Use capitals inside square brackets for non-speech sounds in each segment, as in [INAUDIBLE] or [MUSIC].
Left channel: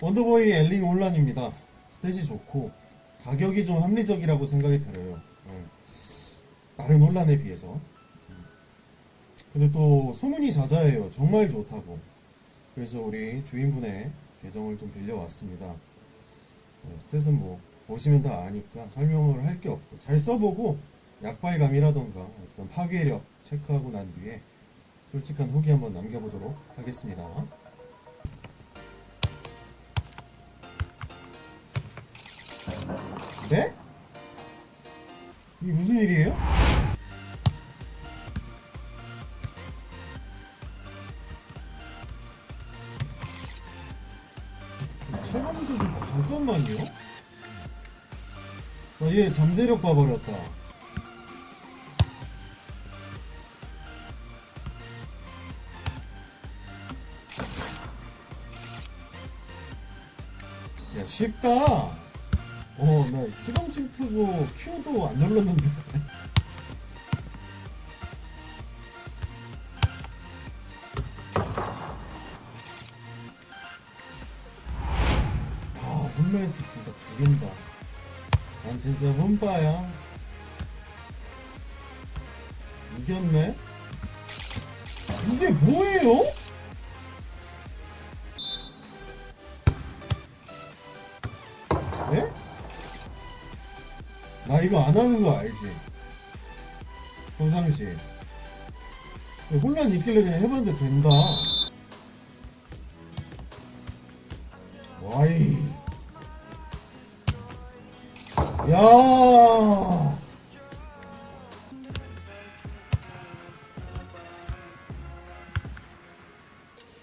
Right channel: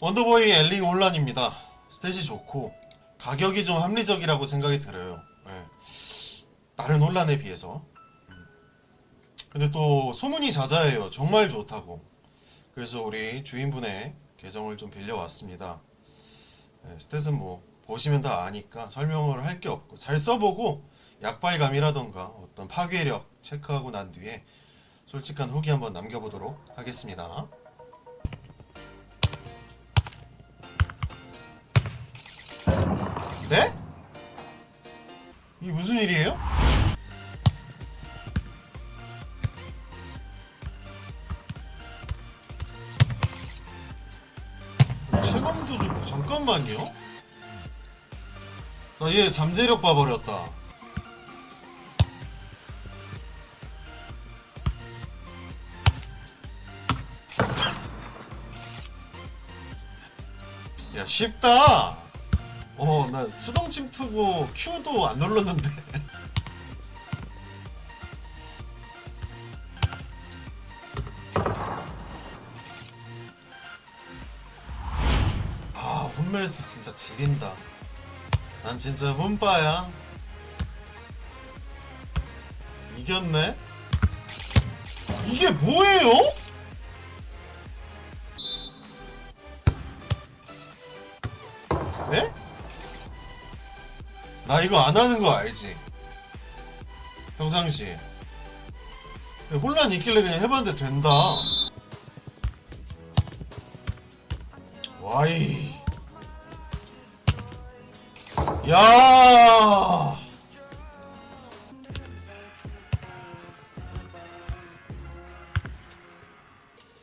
원더보이 엘링 혼란입니다. 스탯이 좋고 가격이 좀 합리적이라고 생각이 들어요. 예. 다른 혼란에 비해서. 음. 근데 또 소문이 자자해요. 정말 좋다고. 그래서 우리 주인분의 계정을 좀 빌려왔습니다. 예, 스탯은 뭐 보시면 다 아니까 설명을 할 게 없고 잘 써보고 약발감이라던가 어떤 파괴력 체크하고 난 뒤에 솔직한 후기 한번 남겨보도록 하겠습니다. 네? 이게 무슨 일이에요? 체감도 좀 잠깐만요. 나 얘 잠재력 봐버렸다. 야 쉽다. 어, 나 수동 침투고 Q도 안 눌렀는데. [LAUGHS] 아, 훈멜스 진짜 지린다. 난 진짜 훈빠야. 이겼네? 이게 뭐예요? 나 이거 안 하는 거 알지? 평상시에 혼란 있길래 그냥 해봤는데 된다 와이 야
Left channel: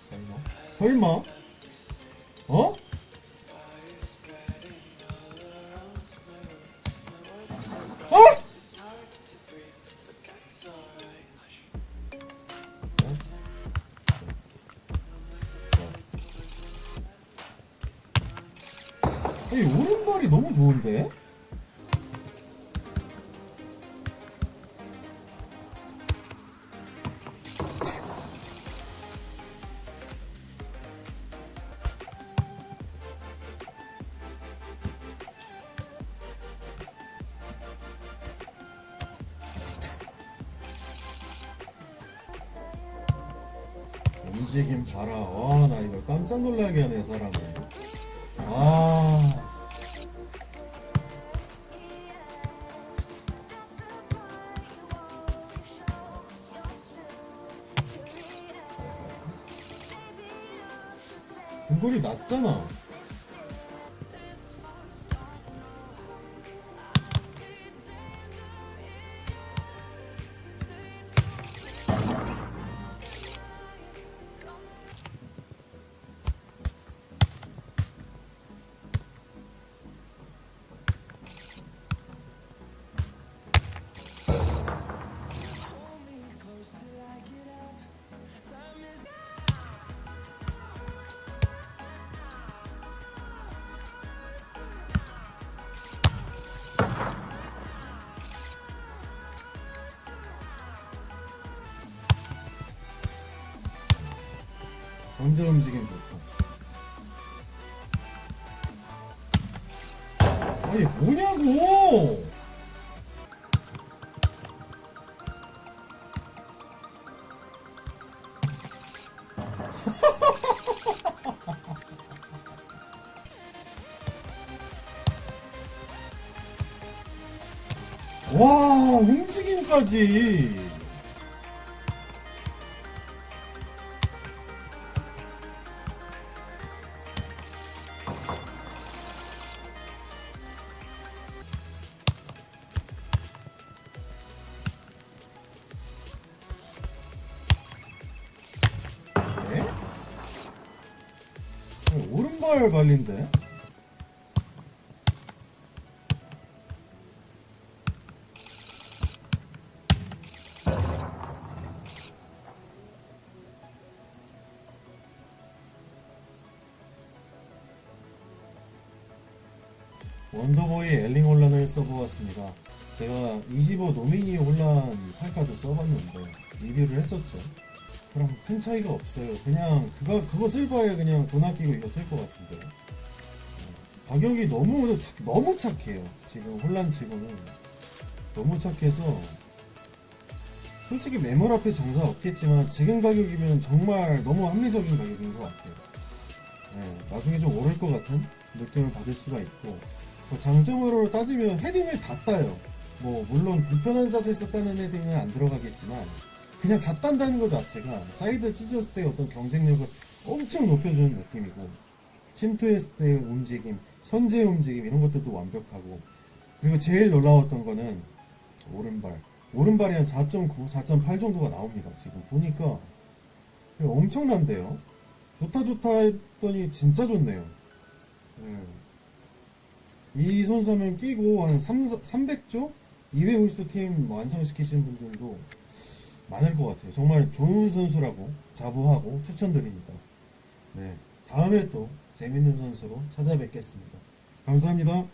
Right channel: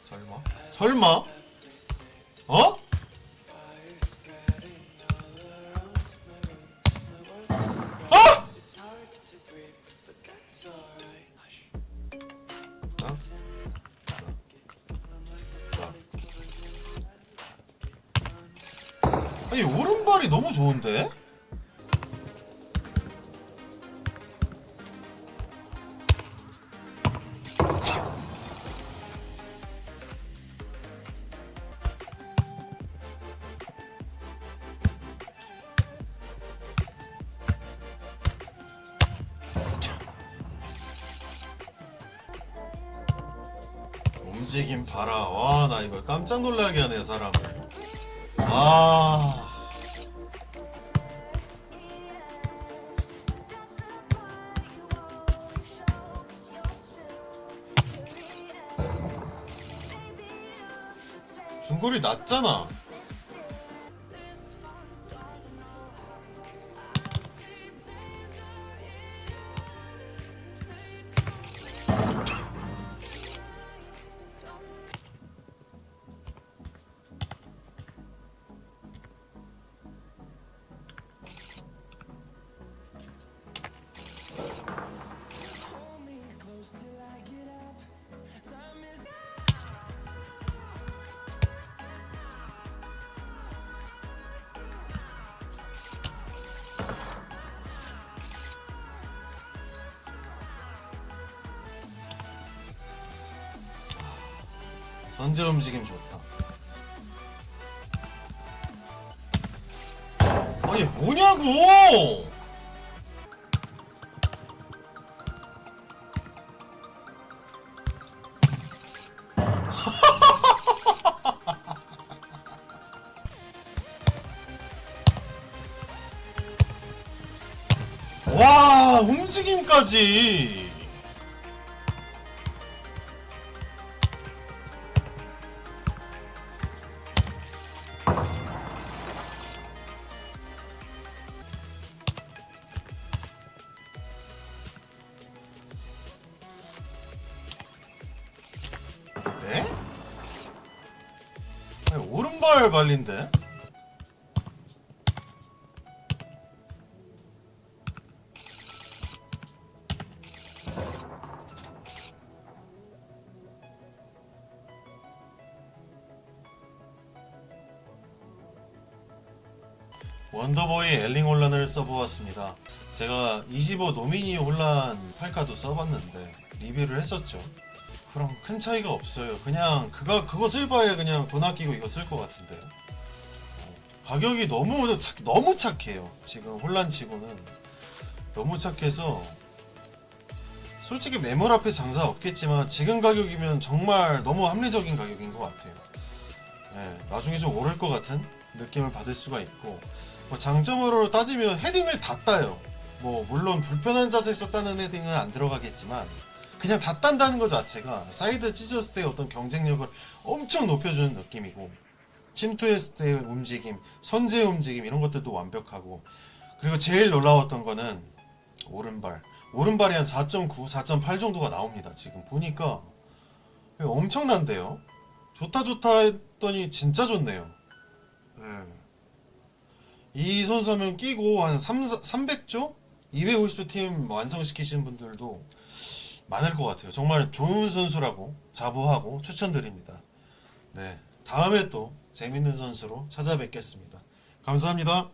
설마? 설마? 어? 아니 오른발이 너무 좋은데? 움직임 봐라. 와, 나 이거 깜짝 놀라게 하네, 사람을. 아. 중거리 낮잖아. 전제 움직임 좋다. 아니 뭐냐고! [LAUGHS] 와 움직임까지. 오른발 발린데? 원더보이 엘링 혼란을 써보았습니다. 제가 25 노미니 혼란 8카도 써봤는데 리뷰를 했었죠. 그럼 큰 차이가 없어요. 그냥 그거 그거 쓸 바에 그냥 돈 아끼고 이거 쓸 것 같은데. 가격이 너무 착, 너무 착해요. 지금 혼란치고는 너무 착해서 솔직히 매물 앞에 장사 없겠지만 지금 가격이면 정말 너무 합리적인 가격인 것 같아요. 예, 나중에 좀 오를 것 같은 느낌을 받을 수가 있고 뭐 장점으로 따지면 헤딩을 다 따요. 뭐 물론 불편한 자세에서 따는 헤딩은 안 들어가겠지만 그냥 다 딴다는 것 자체가 사이드 찢었을 때 어떤 경쟁력을 엄청 높여주는 느낌이고 침투했을 때 움직임, 선제 움직임 이런 것들도 완벽하고 그리고 제일 놀라웠던 거는 오른발 오른발이 한 4.9, 4.8 정도가 나옵니다. 지금 보니까 엄청난데요. 좋다 좋다 했더니 진짜 좋네요. 예. 이 선수 하면 끼고 한 3, 300조? 250조 팀 완성시키시는 분들도 많을 것 같아요. 정말 좋은 선수라고 자부하고 추천드립니다. 네. 다음에 또 재밌는 선수로 찾아뵙겠습니다. 감사합니다.